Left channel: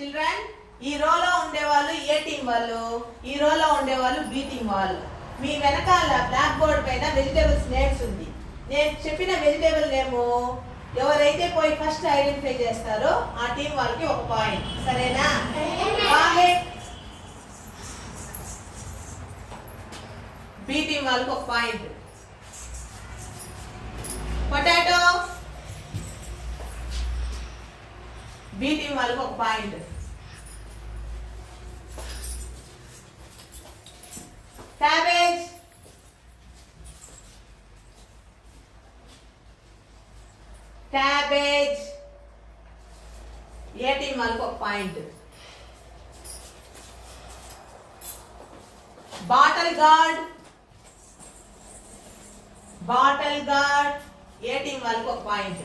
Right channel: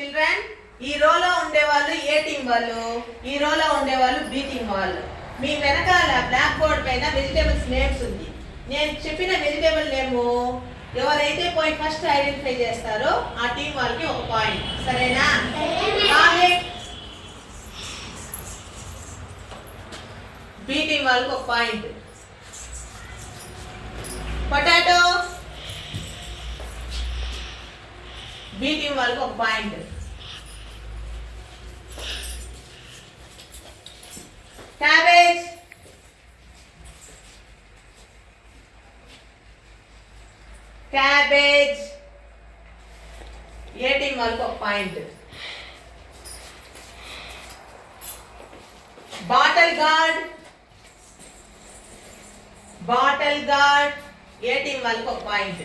చిల్డ్రన్, ఈ రోలో ఉండేవాళ్ళు ఏ టీం వాళ్ళు, ఈ రోలో ఉండేవాళ్ళు బి టీం వాళ్ళు. మీ వెనకాల బ్లాక్ బోర్డ్ పైన వెజిటేబుల్స్ నేమ్స్ ఉంది. నేను చెప్పిన వెజిటేబుల్ నేము ఎవరైతే పోయి ఫస్ట్ ఐడెంటిఫై చేస్తారో ఆ టీం వాళ్ళకి ఒక పాయింట్. సరేనా? బి టీం వాళ్ళకి ఒక పాయింట్. పొటాటో బి టీం వాళ్ళకి ఒక point. Cabbage cabbage A team వాళ్ళకి ఒక point. Bottle gourd bottle gourd A team వాళ్ళకి ఒక పాయింట్.